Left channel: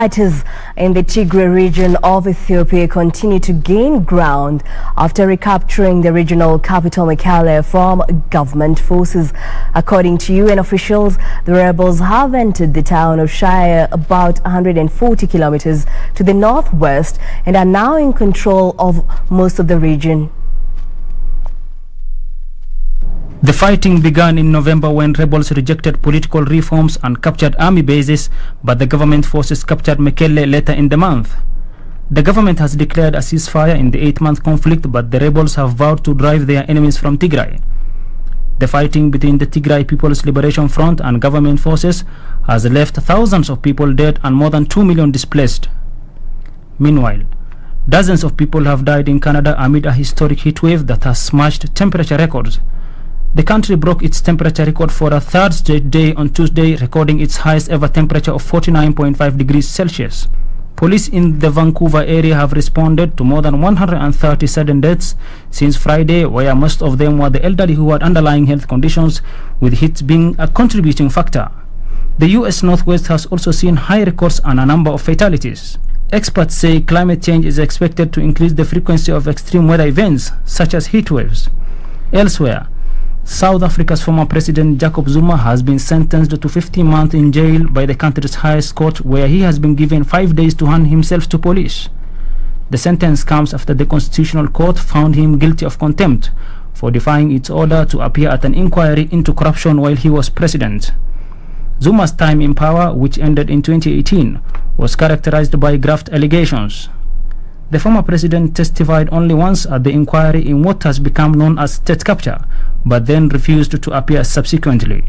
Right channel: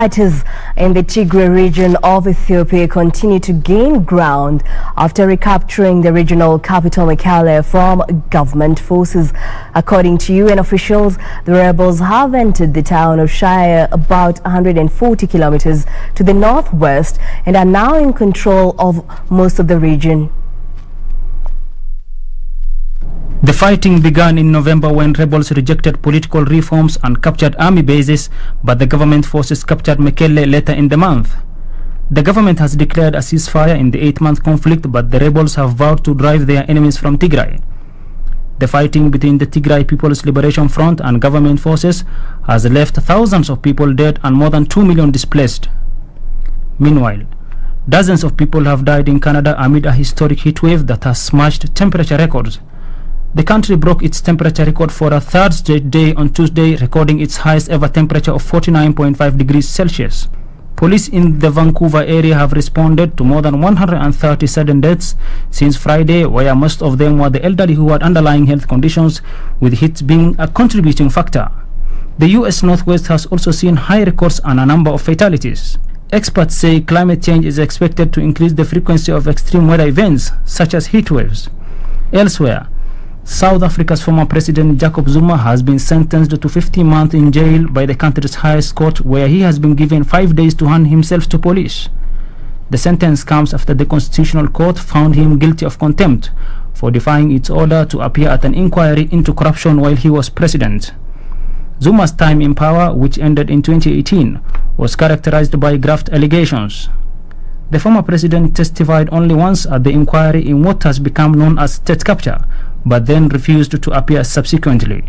Fighters in the Tigray region of Ethiopia continue to gain ground after recapturing the regional capital Mekelle from government forces. According to UN officials, the rebels have entered the town of Shire about 140 kilometers to the northwest and are now in control of most of the region. The fighting began in November when rebels rejected political reforms and captured army bases, but the government forces captured Mekelle later in the month. The government has declared a ceasefire in the 8-month conflict, but the rebels have vowed to drive their enemies from Tigray. The fighting between the Tigray People's Liberation Front and government forces has left thousands of people dead and more than 2 million displaced. Meanwhile, dozens of people have died in Canada amid a historic heat wave that has smashed temperature records. The country broke its temperature record for a third straight day on Tuesday, recording its highest ever temperature of 49.5 degrees Celsius. Police in the Vancouver area have responded to more than 130 sudden deaths since Friday, where most of them were the elderly who had underlying health conditions, with heat being a contributing factor. The U.S. Northwest has also seen high records and a number of fatalities. Experts say climate change is expected to increase the frequency of extreme weather events, such as heat waves. Elsewhere, South Africa's former president Jacob Zuma has been sentenced to 15 months in jail by the country's highest court, where he has been given 5 days to hand himself to police. The sentence comes after the Constitutional Court found him guilty of contempt for defying its order to appear at an inquiry into corruption while he was president. Zuma's time in power, which ended in 2018, was characterized by graft allegations. The former president testified only once at the inquiry in what has become known as state capture, but then refused to appear subsequently.